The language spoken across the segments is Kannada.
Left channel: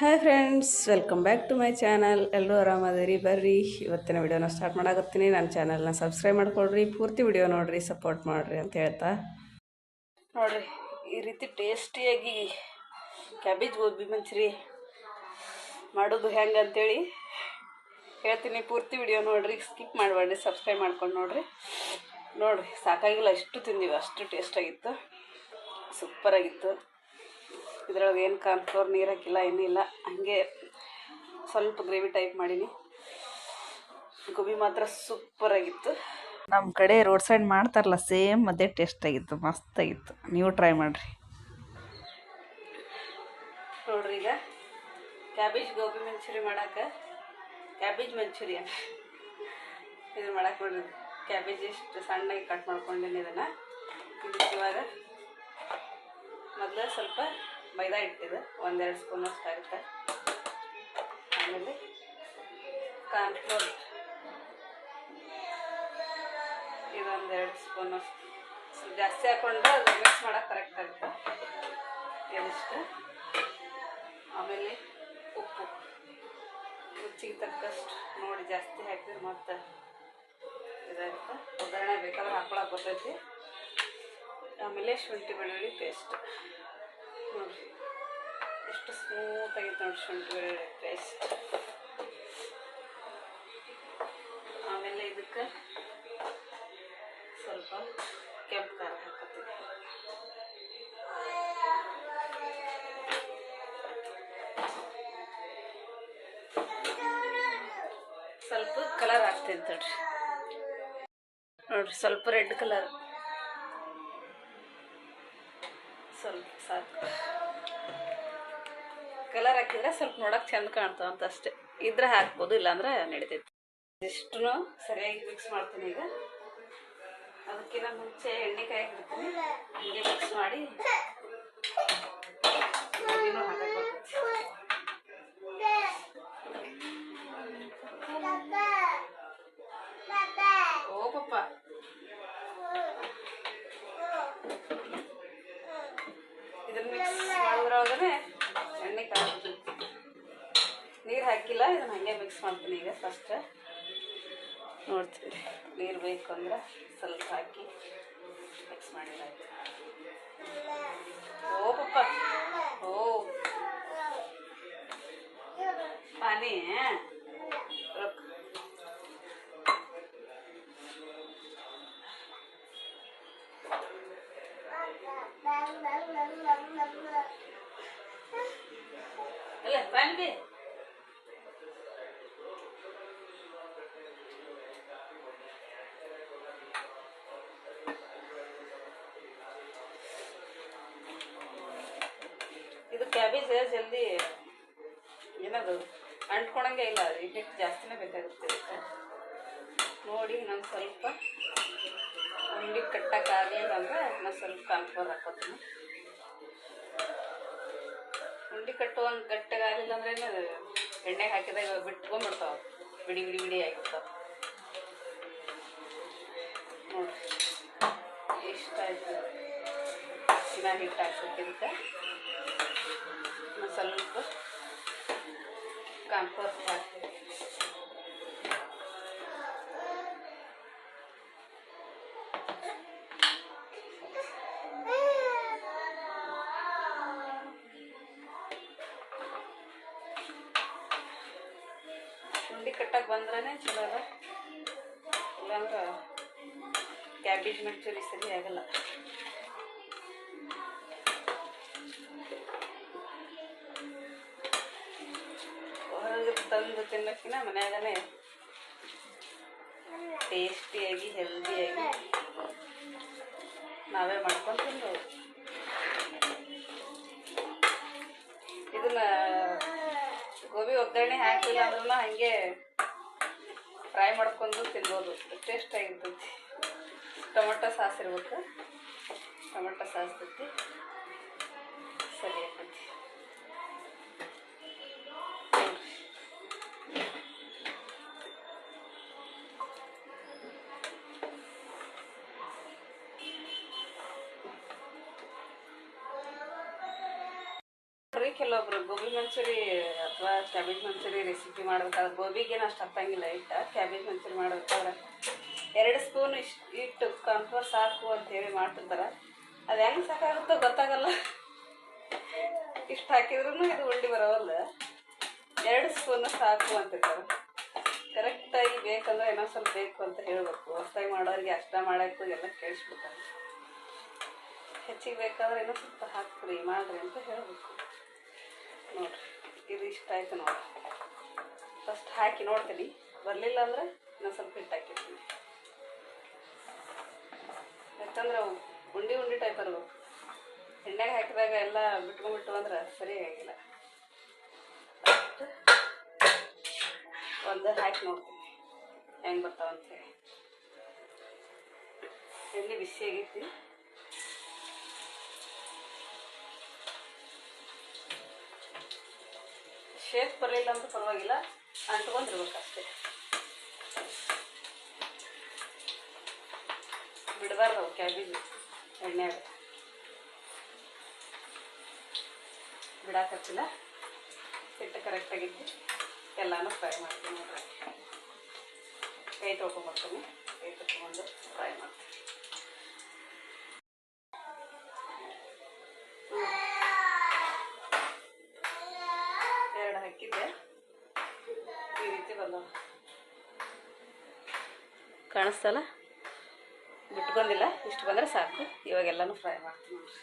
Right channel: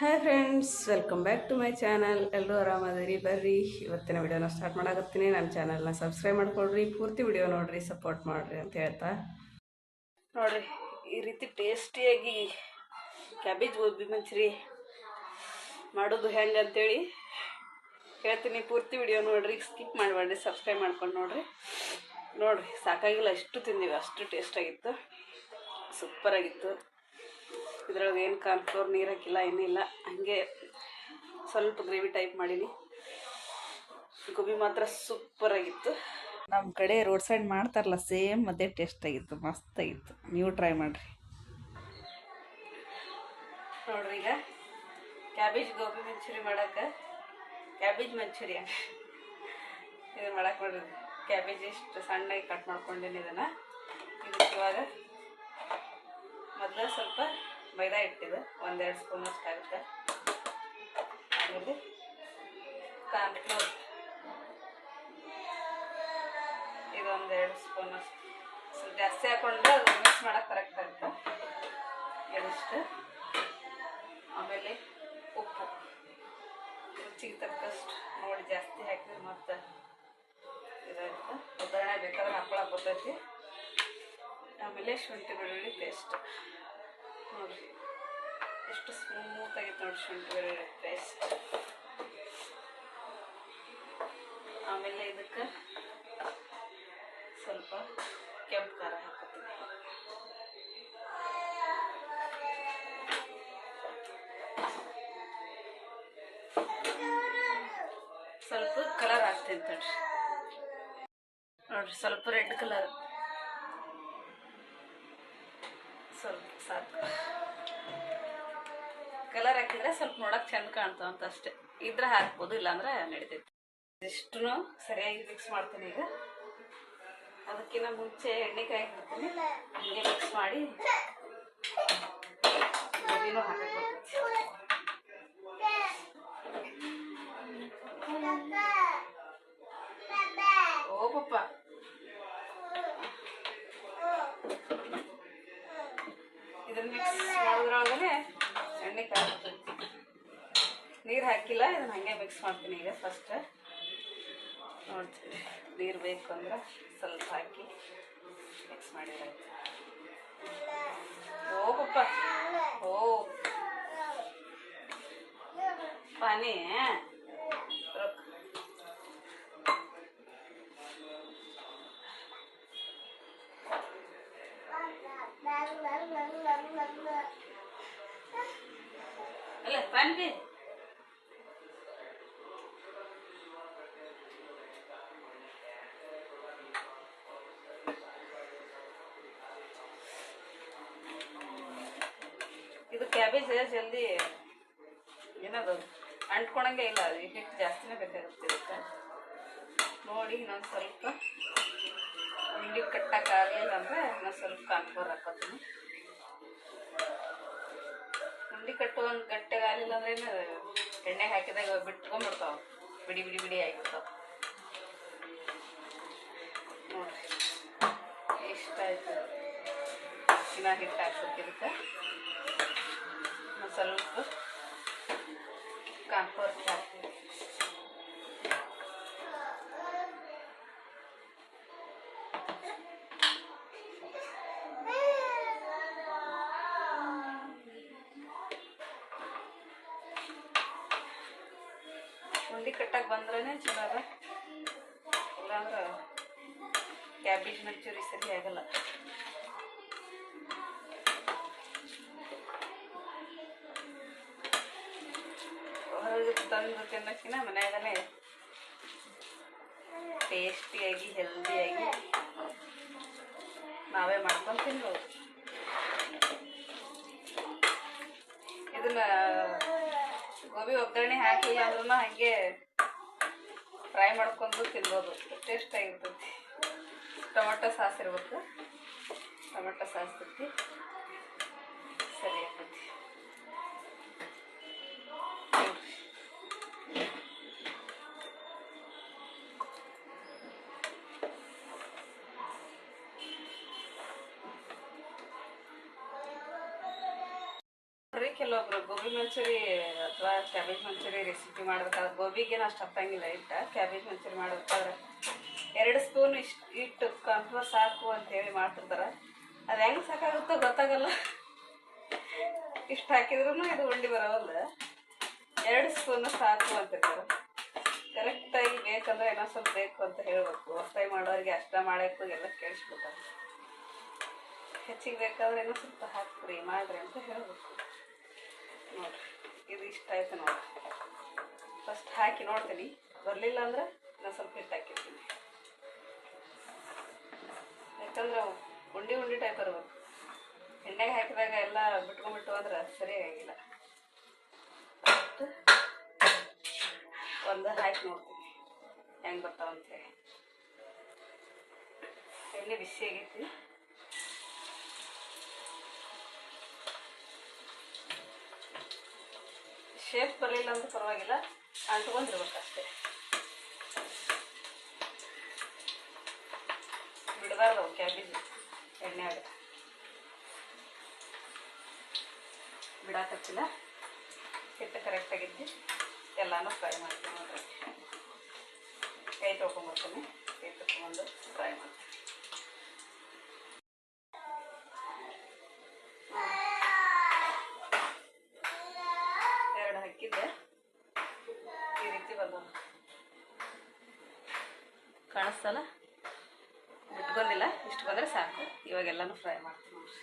Hi friends, welcome back to my channel. ಎಲ್ಲರೂ ಆರಾಮದಿರಿ. ಬರ್ರಿ ಇವತ್ತಿನ ವಿಡಿಯೋನ ಸ್ಟಾರ್ಟ್ ಮಾಡಾಕತ್ತೀನಿ. ನನ್ನ ಚಾನಲ್ನ ಸಬ್ಸ್ಕ್ರೈಬ್ ಮಾಡ್ಕೊಳ್ರಿ, ಪೂರ್ತಿ ವಿಡಿಯೋ ನೋಡಿರಿ, ಸಪೋರ್ಟ್ ಮಾಡಿರಿ ಅಂತ ಹೇಳ್ತಾ ನೋಡಿರಿ ಈ ರೀತಿ ಟೇಸ್ಟಿಯಾಗಿ ಕ್ಯಾಬೇಜ್ ಗೋಬಿ ಮಂಚೂರಿ ಮಾಡೋದು ಹೆಂಗೆ ಅಂತೇಳಿ ಹೇಳ್ತೀನಿ. ಪೂರ್ತಿ ವಿಡಿಯೋ ನೋಡಿರಿ, ಸ್ಕಿಪ್ ಮಾಡಬೇಡ್ರಿ, ಸಬ್ಸ್ಕ್ರೈಬ್ ಮಾಡ್ಕೊಂಡು ನೋಡಿರಿ. ಸಾಕಾಗಿಲ್ಲ, ಅಷ್ಟು ತಿಂದೀವಿ, ಅಷ್ಟು ಟೇಸ್ಟಾಗಿತ್ತು, ಸೂಪರಾಗಿತ್ತು. ಇದ್ರೊಳಗೆ ಏನು ಕಾರ್ನ್ಫ್ಲೋರ್ ನೀರು ಹಾಕಿಲ್ಲ, ಏನಿಲ್ಲ, ಹಾಗೆ ಸ್ವಲ್ಪ ಗ್ರೇವಿ ಟೈಪ್ ಮಾಡೀನಿ. ಗೋಬಿ ಮಾತ್ರ ಸೂಪರಾಗಿತ್ತು. ನಮ್ಮ ಕಡೆ ರೋಡ್ ಸೈಡ್ ಮಾಡ್ತಾರಲ್ಲ, ಸೇಮ್ ಅದೇ ಟೇಸ್ಟಾಗಿತ್ತು, ಮಸ್ತಾಗಿತ್ತು. ನೀವು ಟ್ರೈ ಮಾಡಿರಿ. ನೋಡ್ರಿ, ಈಗ ಕ್ಯಾಬೇಜ್ ಗೋಬಿ ಮಂಚೂರಿ ಮಾಡೋಕೆ ಕ್ಯಾಬೇಜ್ ಮಂಚೂರಿಯನ್ ಇದನ್ನು ಮಾಡಕ್ಕೆ ನೋಡ್ರಿ. ಕ್ಯಾಬೇಜ್ ಇಷ್ಟು ಸಣ್ಣಗೆ ಕಟ್ ಮಾಡ್ಕೊಂಡಿನಿ. ಇದನ್ನು ಇವಾಗ ಮೊದಲು ಸ್ವಲ್ಪ ಮೈದಾ ಹಿಟ್ಟಿದೆ, 1-2 ಸ್ಪೂನ್ ಅಷ್ಟು ಆಗುತ್ತೆ. ಆಮೇಲೆ ಕಾರ್ನ್ಫ್ಲೋರ್ ಇದು 1-2 ಸ್ಪೂನ್ ಅಷ್ಟು, ಸ್ವಲ್ಪ ಜಾಸ್ತಿ ಹಾಕ್ಕೊಂಡು ಮಿಕ್ಸ್ ಮಾಡೋಕೆ ಕರೆಕ್ಟ್ ಆಗುತ್ತೆ. ಇದಿಷ್ಟು. ಆಮೇಲೆ ಉಪ್ಪು ರುಚಿಗೆ ತಕ್ಕಷ್ಟು ನೋಡಿ, ಜಾಸ್ತಿ ಹಾಕಿದ್ರೆ ಮತ್ತೆ ಇದಾಗುತ್ತೆ. ಒಗ್ಗರಣೆ ಬೇಕಾದ್ರೆ ಹಾಕ್ಕೊಳಕ್ಕೆ ಬರ್ತೈತಿ. ಆಮೇಲೆ ಶುಂಠಿ ಬೆಳ್ಳುಳ್ಳಿ ಪೇಸ್ಟ್ ನೋಡಿರಿ, ಎಷ್ಟು ಸ್ಮೂತಾಗಿತ್ತು ನೋಡಿ ಶುಂಠಿ ಬೆಳ್ಳುಳ್ಳಿ ಪೇಸ್ಟ್. ಆಮೇಲೆ ಇದಕ್ಕೆ ಸ್ವಲ್ಪ ಕೆಂಪು ಖಾರ ಹಾಕತ್ತೀನಿ. ಸ್ವಲ್ಪ ಕಲರ್ ಹಾಕ್ತೀನಿ ತಡ್ರಿ. ನೋಡಿರಿ, ಸ್ವಲ್ಪ ರೆಡ್ ಕಲರ್, ಸ್ವಲ್ಪ ಸಾಕು. ಕಲರ್ ಹಾಕಿದ್ರೆ ಸ್ವಲ್ಪ ನೋಡೋಕೆ ಚೆಂದ ಕಾಣ್ತಾವಂತ ಅಷ್ಟೇ. ಇದ್ರೆ ಹಾಕ್ಬೋದು, ಇಲ್ಲಾಂದ್ರೆ ನಡಿತೈತಿ. ಇಷ್ಟು ಸರಿಯಾಗಿ ಮಿಕ್ಸ್ ಮಾಡ್ತೀನಿ. ಈಗ ಅದಕ್ಕಿಂತ ಮುಂಚೆ ಎಣ್ಣೆ ಕಾಯಿಬಿಡ್ತೀನಿ, ಹೀಗೆ ಮಿಕ್ಸ್ ಮಾಡಿ ಇನ್ನೂ ಹಾಕಬೇಕು. ಓ ಪಪ್ಪ, ಇದನ್ನ ಮಿಕ್ಸ್ ಮಾಡೋದ್ರೊಳಗನೆ ಎಣ್ಣೆ ಕಾಯಿ, ನೀರು ಹಾಕಿಲ್ಲ. ಇದನ್ನ ಹಾಗೆ ಮಿಕ್ಸ್ ಮಾಡ್ತೀನಿ. ಈಗ ಫಸ್ಟ್ ನೋಡ್ತೀನಿ, ನೀರು ಬೇಕು ಅಂದ್ರೆ ಸ್ವಲ್ಪ ಹಾಕಿ ಮಿಕ್ಸ್ ಮಾಡಿದಾಯ್ತು. ಓ ಪಪ್ಪ, ಓ ಪಾನಿ ಅಲ್ಲ ಪಾನಿಗೆ ಇದು ಕ್ಯಾಬೇಜ್ ಜಲ್ದಿ ಏನದು ಅಂಟ್ಕೊಳಂಗೆ ಇಲ್ಲ, ಹಿಟ್ಟು ಜಾಸ್ತಿನೇ ಬೇಕಾಗುತ್ತೆ ಇದಕ್ಕೆ. ನೋಡಿ, ನಾನು ಸ್ವಲ್ಪ ಉಂಡೆ ಕಟ್ಟಕ್ಕಾಗಲಿಲ್ಲ ಅಂದರೆ ನಾನು ಸ್ವಲ್ಪ ಕಾರ್ನ್ಫ್ಲೋರ್ ಹಾಕೋತೀನಿ. ಉಂಡೆ ಕಟ್ಟುವಂಗೆ ಗಟ್ಟಿಗಾಗಲಿಲ್ಲ ಅಂದ್ರೆ ಎಣ್ಣೆಗೆ ಹಾಕಿದಾಗ ಬಿಟ್ಕೊಂಡ್ಬಿಡ್ತಾವೆ, ಬಿಡಿ ಬಿಡಿ ಬಿಡಿ ಆಗಿಬಿಡ್ತಾವೆ. ನೋಡಿರಿ, ಎಷ್ಟಾಯ್ತು. ನಾನು ಹಿಟ್ಟು ಹಾಕ್ಬಿಟ್ಟಿದ್ದಕ್ಕೆ ನಾನು ಸ್ವಲ್ಪ ಕಾರ್ನ್ಫ್ಲೋರ್ ಹಾಕ್ತೀನಿ. ಉಂಡೆ ಕಟ್ಟಕ್ಕೆ ಬಂದ್ರೇ ಚಲೋ ಅದ, ಇಲ್ಲಾಂದ್ರೆ ಕ್ಯಾಬೇಜ್ ಮಂಚೂರಿ ಸರಿ ಆಗಲ್ಲ. ಹೊರಗೆ ತಂದು ತಿನ್ನೋಕ್ಕಿಂತ ಮನೆಯಾಗನೇ ಟೇಸ್ಟಿಯಾಗಿ ಹೆಲ್ದಿಯಾಗಿ ನಾವೇ ಮಾಡ್ಕೊಂಡು ತಿನ್ಬೋದು. ಇದನ್ನ ಗೋಬಿ ಒಗ್ಗರಣೆ ಹಾಕಿಲ್ಲ ಅಂದ್ರೂ ಹಾಗೆ ಫ್ರೈ ಮಾಡ್ಕೊಂಡು ತಿನ್ಬೋದು, ಟೇಸ್ಟಾಗಿರ್ತೈತಿ. ಟೊಮೆಟೊ ಸಾಸ್ ಇರ್ಬೇಕು, ಟೊಮೆಟೊ ಸಾಸ್ ತಿಂತಿ ಸರಿ ಆಗ್ತೈತಿ. ಕೆಲವೊಬ್ರು ಗೋಬಿ ಮಂಚೂರಿ ಅಥವಾ ಕ್ಯಾಬೇಜ್ ಮಂಚೂರಿ ರೆಸಿಪಿ ಮಾಡ್ಬೇಕಾದ್ರೆ ಗೋಬಿಗೇನು ಅಷ್ಟು ಹತ್ತಂಗಿಲ್ಲ ಹಿಟ್ಟು. ಕ್ಯಾಬೇಜ್ ಮಂಚೂರಿ ಮಾಡ್ಬೇಕಾದ್ರೆ 2 ಸ್ಪೂನ್ ಹಿಟ್ಟು ಕಾರ್ನ್ಫ್ಲೋರ್ ಸಾಕು ಅಂತೇಳಿ ಮಾಡ್ತಿರ್ತಾರೆ. ಅದು ಹೆಂಗೆ ಸಾಕಾಗುತ್ತೋ ಗೊತ್ತಾಗಲ್ಲ. ಇಷ್ಟು ಹಾಕಿದ್ರೂ ಇದು ಉಂಡೆ ಬರೋಲ್ಲ. 2 ಸ್ಪೂನ್ ಸಾಕು ಅಂತಿರ್ತಾರೆ. ಕರೆಕ್ಟಾಗಿ ಬೇಕಂದ್ರೆ ಇನ್ನೊಂದು ಸ್ವಲ್ಪ ಬೇಕು ಅಂತ ಹೇಳಬೇಕು. ಹೊಸದಾಗಿ ಮಾಡೋರಿಗೆ ಅಷ್ಟ ಮಾಡೋಕ್ಕೂ ಎಲ್ಲ ಕೇಳಿಸ್ಬಿಡ್ತಾರೆ. ಹೆಚ್ಚಿಗೆ ಬೇಕಾದ್ರೆ ಇನ್ನೂ ಸ್ವಲ್ಪ ಹಾಕ್ಬಿಡಿ ಮಾಡಿರಿ ಅಂತ ಹೇಳಬೇಕು. ನೋಡಿರಿ ಇದು ಇಷ್ಟ ಆಯ್ತು ನೋಡಿ. ಫಸ್ಟ್ ಹಾಕಿ ನೋಡ್ತೀನಿ, ಬರಲಿಲ್ಲ ಅಂದ್ರೆ ಇನ್ನೊಂದು ಸ್ವಲ್ಪ ಹಿಟ್ಟು ಹಾಕಿರ್ತೀನಿ. ಯಾಕಂದ್ರೆ ಉಂಡೆ ಟೈಪ್ ಬರಬೇಕು. ಎಣ್ಣೆಗೆ ಹಾಕಿದಾಗ ಎಲ್ಲ ಬಿಟ್ಕೊಂಡ್ಬಿಟ್ಟು ಅಂದ್ರೆ ಸರಿಯಾಗಿಲ್ಲ. ಒಂದು ಹಾಕಿ ನೋಡ್ತೀನಿ ಹೆಂಗೆ ಬರ್ತಾವಂತೇಳಿ. ಎಣ್ಣೆ ಬಿಸಿ ಆಗೈತಿ. ಶೇಪ್ ಬರಲಿಲ್ಲ ಅಂತ ಪರವಾಗಿಲ್ಲ, ಅಂಟ್ಕೊಂಡಿರ್ಬೇಕು ಅಷ್ಟೇ. ಬಿಡಬಾರ್ದು ಕ್ಯಾಬೇಜ್ ಎಣ್ಣೆಯಾಗ ಬಿಡಾಕತ್ತಿಲ್ಲ. ಹಿಟ್ಟು ಕರೆಕ್ಟಾಗಿದ್ದು ಎಲ್ಲನೂ ಫ್ರೈ ಮಾಡ್ತೀನಿ ನೋಡ್ರಿ. ಕೈ ತೊಳ್ಕೊಂಬರ್ತೀನಿ. ಕೈ ತೊಳ್ಕೊಂಡು ಫ್ರೈ ಮಾಡ್ತೀನಿ. ಹಾಕಿದ್ದೆ ಈ ರೀತಿ ಬಂದವ. ಕಾಣಿಸ್ತಲ್ಲ, ಬಿಟ್ಕೊಂಡಿಲ್ಲ. ಇಷ್ಟು ಬಂದರೆ ಸಾಕು. ಇವಾಗೆಲ್ಲನೂ ಫ್ರೈ ಮಾಡ್ತೀನಿ ನೋಡ್ರಿ.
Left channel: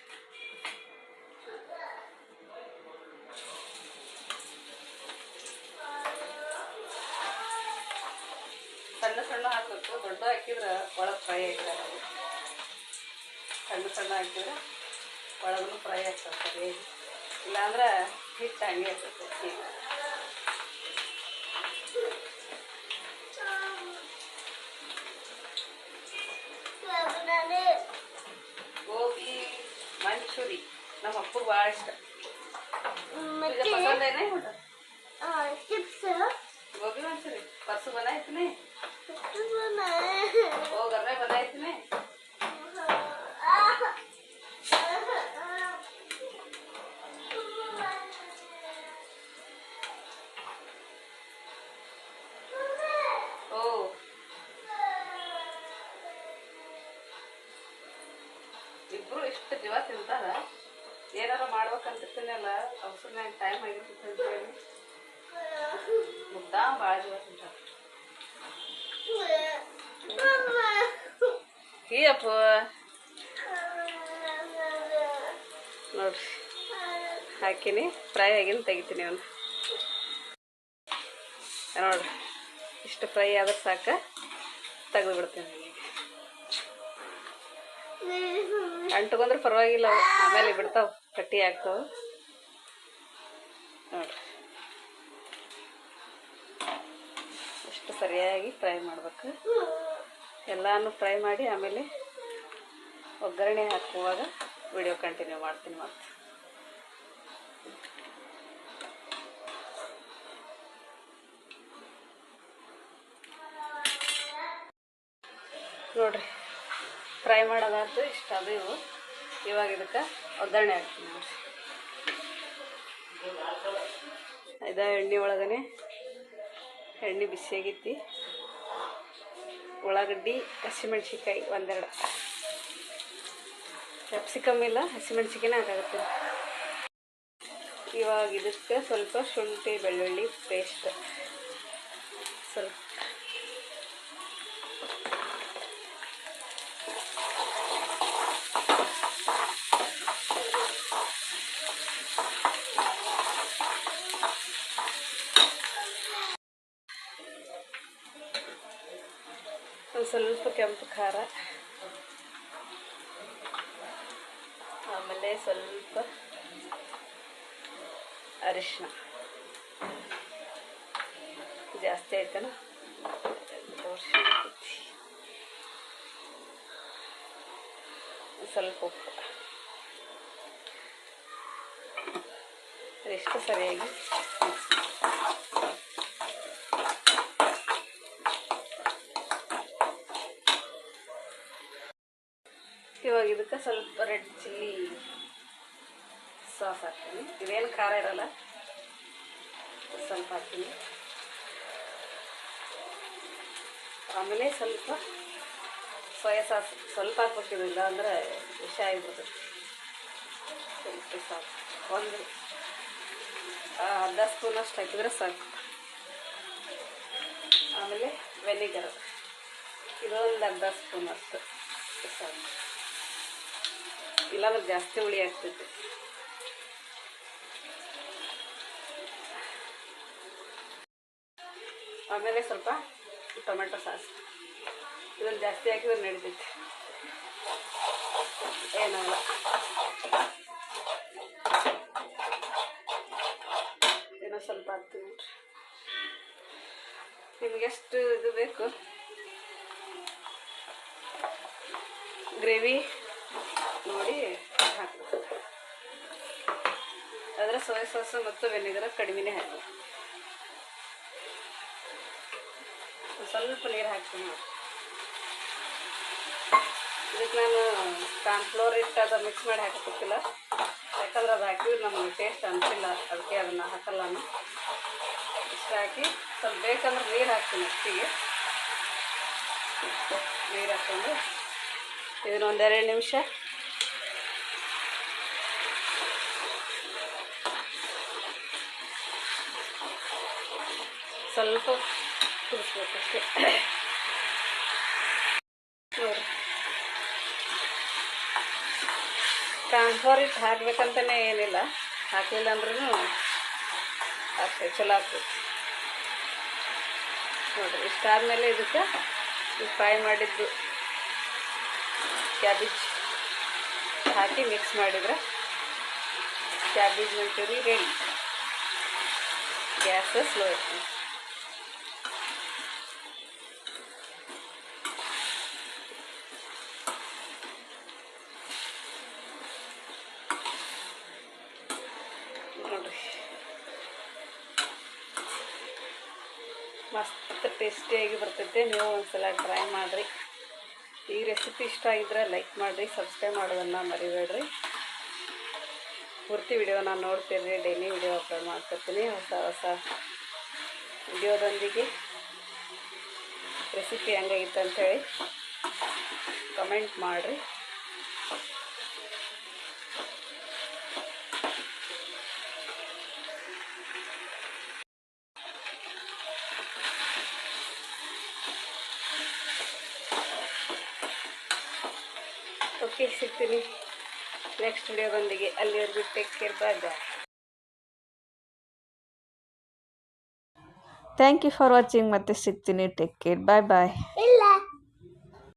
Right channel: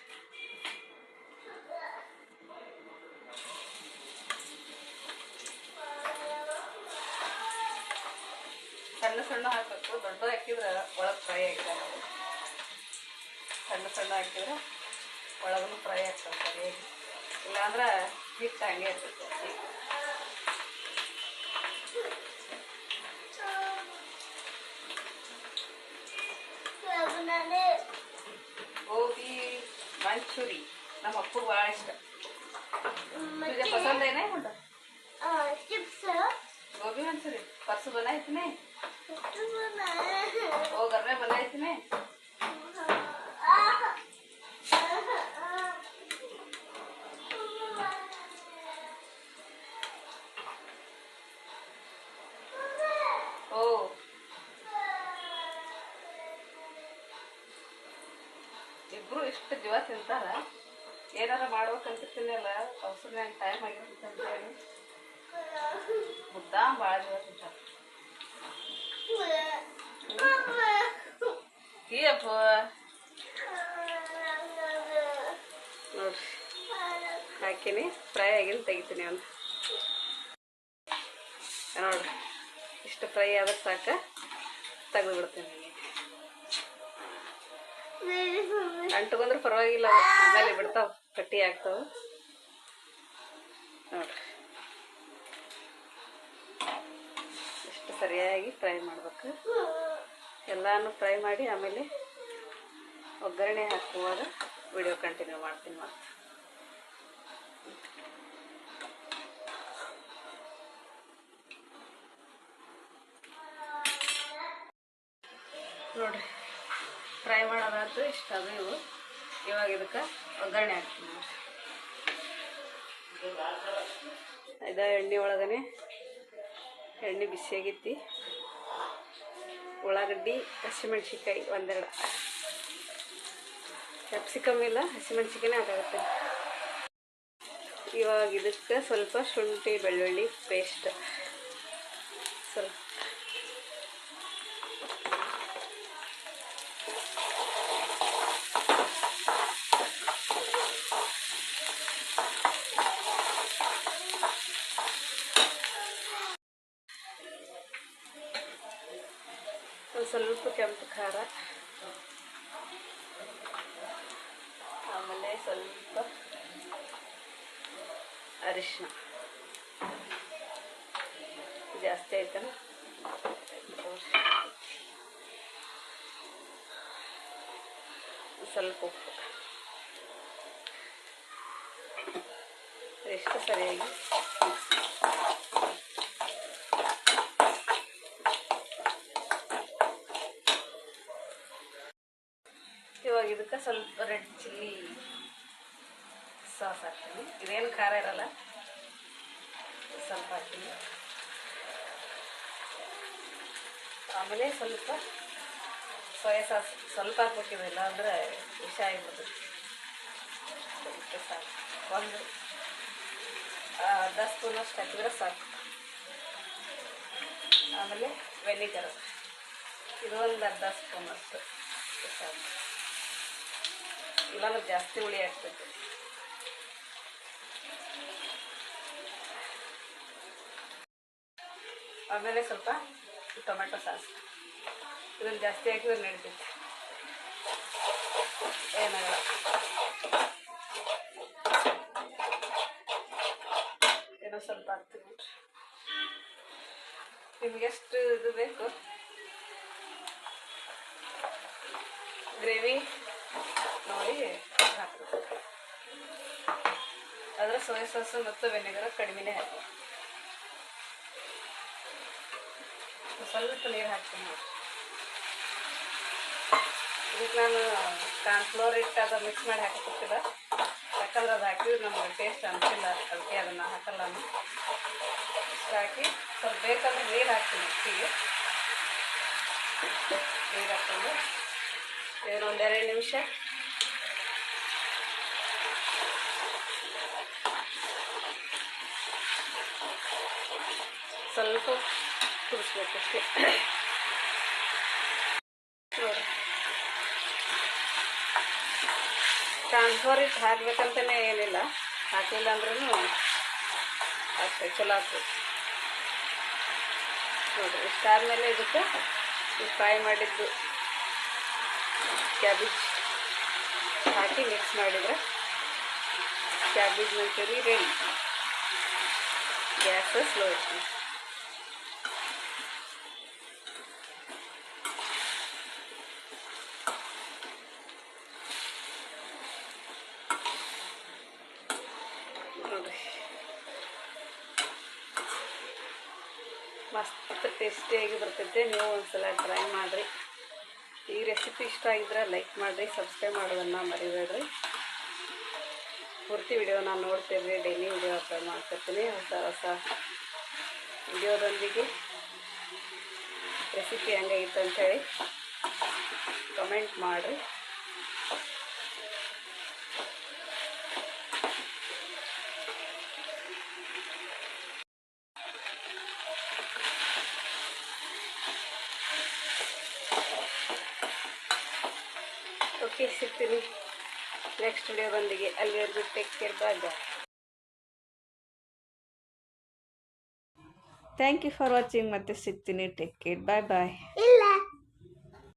ಸಣ್ಣ ಸಣ್ಣ ಹಾಕಬೇಕು. ದೊಡ್ಡ ಹಾಕಿದ್ರೆ ಒಳಗೆ ಫ್ರೈ ಆಗ್ತವೆ. ಸಣ್ಣ ಹಾಕಿದ್ರೆ ಒಳಗೂ ಫ್ರೈ ಆಗ್ತವೆ ಸರಿಯಾಗಿ. ಇಲ್ಲಾಂದ್ರೆ ಹಿಟ್ಟು ಹಂಗೆ ಇರ್ತೈತೆ. ಗೋಬಿ ಮಂಚೂರಿ ನಮ್ಮ ಅಪ್ಪಗೆ ಭಾಳ ಇಷ್ಟ. पसंद है ना मुझे चिप्स गोभी मंचूरी परसों बनाए थे वो घर में बनाए थे ಇಬ್ರು ಇಷ್ಟು ಜೀವ ತಿಂತಾರ. ಏನಾರ ಮಾಡ್ಬೇಕಂತಿರ್ತೀನಲ್ಲ ಅವಸರನಾಗ ಟೈಮ್ ಆಗಿರ್ತೈತೆ ಅಂತೇಳಿ ಮುದ್ದಾಂ ಭಾಳ ಜೀವ ತಿಂತಾರ. ಅಪ್ಪ ನೋಡ್ರಿ ಹಾಕಿನಿ, ಫ್ರೈ ಆಗಿನ ತೆಗಿತೀನಿ. ಒಂದು ನೋಡ್ರಿ ಇಷ್ಟು ಫ್ರೈ ಆದ್ರೆ ಸಾಕು, ತೆಗೆದುಬಿಡ್ತೀನಿ. ಅಂಟ್ಕೊಂಡ್ರೆ ಪರವಾಗಿಲ್ಲ, ಆಮೇಲೆ ಬಿಡ್ತಾವೆ, ಕಟ್ಟಿ ಆಗ್ತಾವೆ. ನೋಡ್ರಿ ಇಷ್ಟು ಸರಿಯಾಗಿ ಫ್ರೈ ಮಾಡ್ಬೇಕು. ಎಲ್ಲಾನು ಫ್ರೈ ಮಾಡಿ ಆಮೇಲೆ ಒಗ್ಗರಣೆ ಹಾಕುವಾಗ ವಿಡಿಯೋ ಕಂಟಿನ್ಯೂ ಮಾಡ್ತೀನಿ. ಮತ್ತೆ ನೋಡ್ರಿ ಫ್ರೈ ಮಾಡೋದಾಯ್ತು. ಇಷ್ಟ ಅದು ಇವು. ಇವಾಗ ಇದಕ್ಕೆ ಒಗ್ಗರಣೆ ಹಾಕ್ತೀನಿ ನೋಡ್ರಿ. ಇದು ಎಣ್ಣೆ ಒಳಗನೆ ಎಣ್ಣೆ ಬಿಸಿಯಾಗೈತಿ. ಉಳ್ಳಾಗಡ್ಡಿ, ಹಸಿಮೆಣ್ಸಿಕಾಯಿ ಒಂದೆರಡು, ಕ್ಯಾಪ್ಸಿಕಮ್ ಇಲ್ಲ, ಹಸಿಮೆಣ್ಸಿಕಾಯಿನೇ ಹಾಕಾಗುತ್ತೆ. ಇವಾಗ ಇದಕ್ಕೆ ಸ್ವಲ್ಪ ಶುಂಠಿ ಬೆಳ್ಳುಳ್ಳಿ ಪೇಸ್ಟ್ ಸ್ವಲ್ಪ, ಸ್ವಲ್ಪ ಕೆಂಪು ಖಾರ, ಆಮೇಲೆ ಸ್ವಲ್ಪ ಅರಿಶಿನ. ಜಾಸ್ತಿ ಆಯ್ತಾನ, ಸ್ವಲ್ಪ ಉಪ್ಪು. ಎಷ್ಟು ಸರಿಯಾಗಿ ಇವಾಗ ಇದಕ್ಕೆ ಸ್ವಲ್ಪ ರೆಡ್ ಚಿಲ್ಲಿ ಸಾಸ್ ಹಾಕ್ತೀನಿ. ಇದೇನು ಖಾರ ಇರಲ್ಲ, ಸ್ವಲ್ಪ ಹಾಕ್ತೀನಿ. ಆಮೇಲೆ ಸ್ವಲ್ಪ ಸೋಯಾ ಸಾಸ್ ಸ್ವಲ್ಪ ಹಾಕ್ಬೇಕಿದಿಲ್ಲ ಅಂದರೆ ವಿಷ ಆಗಿಬಿಡ್ತದೆ. ಸ್ವಲ್ಪ ಸಾಕು, ಒಂದು ಅರ್ಧ ಸ್ಪೂನಷ್ಟು ಹಾಕಿದ್ರೆ ಸಾಕು. ಆಮೇಲೆ ವೆನಿಗರ್ ಇದೊಂದು ಅರ್ಧ ಸ್ಪೂನ್ ಅಷ್ಟು ಸಾಕು, ಇಲ್ಲಾಂದ್ರೆ ಜಾಸ್ತಿ ಹುಳಿ ಆಗ್ತೈತೆ. ಆಮೇಲೆ ಸ್ವಲ್ಪ ಟೊಮೆಟೊ ಸಾಸ್, ಇದನ್ನು ಜಾಸ್ತಿ ಹಾಕಿದ್ರೆ ನಡಿತೈತೆ, ಏನಾಗಲ್ಲ. ಏನೋ ಸ್ವಲ್ಪ ಹಾಕ್ತೀನಿ ನೋಡ್ರಿ, ನಿಮ್ಗೆ ಎಷ್ಟು ಇದು ಬೇಕು ಗ್ರೇವಿ ನೋಡಿ ಹಾಕಬೇಕು. ಆದರೆ ಸೋಯಾ ಸಾಸು ಮತ್ತು ವೆನಿಗರ್ ಕಡಿಮೆನೇ ಹಾಕಿ. ಸ್ವಲ್ಪ ನೀರು ಹಾಕ್ತೀನಿ ನೋಡಿ. ಇದಕ್ಕೆ ನಾನು ಕಾರ್ನ್ಫ್ಲೋರ್ ಹಿಟ್ಟು ಅದು ಮಿಕ್ಸ್ ಮಾಡಿ ಹಾಕಕ್ಕಿಲ್ಲ, ಯಾಕಂದ್ರೆ ಅದು ಹಾಕಿದ್ರೆ ನಮಗೆ ಟೇಸ್ಟ್ ಅನಿಸಿಲ್ಲ, ಅದಕ್ಕೆ ಅದನ್ನು ಹಾಕಲ್ಲ ನಾನು. ಇಷ್ಟು ಹಾಕಿ ಸ್ವಲ್ಪ ಬೇಕಂದ್ರೆ ನೀರು ಹಾಕ್ತೀನಿ. ಅಷ್ಟಿಗೆ ನೀರು ಹಾಕ್ಕೊಂಡು ಇದನ್ನೊಂದು 2 ನಿಮಿಷ ಸ್ವಲ್ಪ ಕುದಿಸ್ಬೇಕಷ್ಟೇ. ನೋಡಿ, ಕಾರ್ನ್ಫ್ಲೋರ್ ಹಿಟ್ಟು ಹಾಕ್ಬೇಕಂತಲೇ ಏನಿಲ್ಲ, ಹಾಕಲಿಲ್ಲ ಅಂದ್ರೂ ಆಗ್ತದೆ, ಚಲೋ ಆಗ್ತದೆ ನೋಡಿರಿ. ಇಷ್ಟಾದಮೇಲೆ ಇದಕ್ಕೆ ಫ್ರೈ ಮಾಡಿದ್ದು ಕ್ಯಾಬೇಜ್ ಹಾಕಿ ಮಿಕ್ಸ್ ಮಾಡಿದರೆ cabbage manchurian ready. Gas slow ಇರ್ತೀನಿ. ನೋಡಿರಿ, ಮಸ್ತ್ ಟೇಸ್ಟಿಯಾಗಿ ಬರ್ತೈತೆ. ನೀವು ಒಂದ್ಸಲ ಟ್ರೈ ಮಾಡಿರಿ. ಈ ರೆಸಿಪಿ ಇಷ್ಟ ಆಗಿದ್ರೆ ಲೈಕ್ ಮಾಡಿರಿ, ಸಬ್ಸ್ಕ್ರೈಬ್ ಮಾಡೋದನ್ನು ಮರಿಬೇಡ್ರಿ. ಪೂರ್ತಿ ವಿಡಿಯೋನ ನೋಡ್ತಿರ್ರಿ, ಡೈಲಿ ವಿಡಿಯೋ ಅಪ್ಲೋಡ್ ಮಾಡ್ತಿರ್ತೀನಿ. ಹೊಸ ಹೊಸ ವಿಡಿಯೋದೊಂದಿಗೆ ರೆಸಿಪಿ ಹೆಂಗಾಗಿತ್ತು ಅಂಥೇಳಿ ಕಮೆಂಟ್ ಮಾಡಿರಿ. ಓಕೆ, ಸಿಗ್ತೀನಿ ನೆಕ್ಸ್ಟ್ ವಿಡಿಯೋದೊಂದಿಗೆ. ಅಲ್ಲಿವರೆಗೂ take care, bye bye. Thank you for watching. ಮತ್ತೆ ಸಿಗ್ತೀನಿ. ಟೇಕ್ ಕೇರ್, ಬಾಯ್ ಬಾಯ್.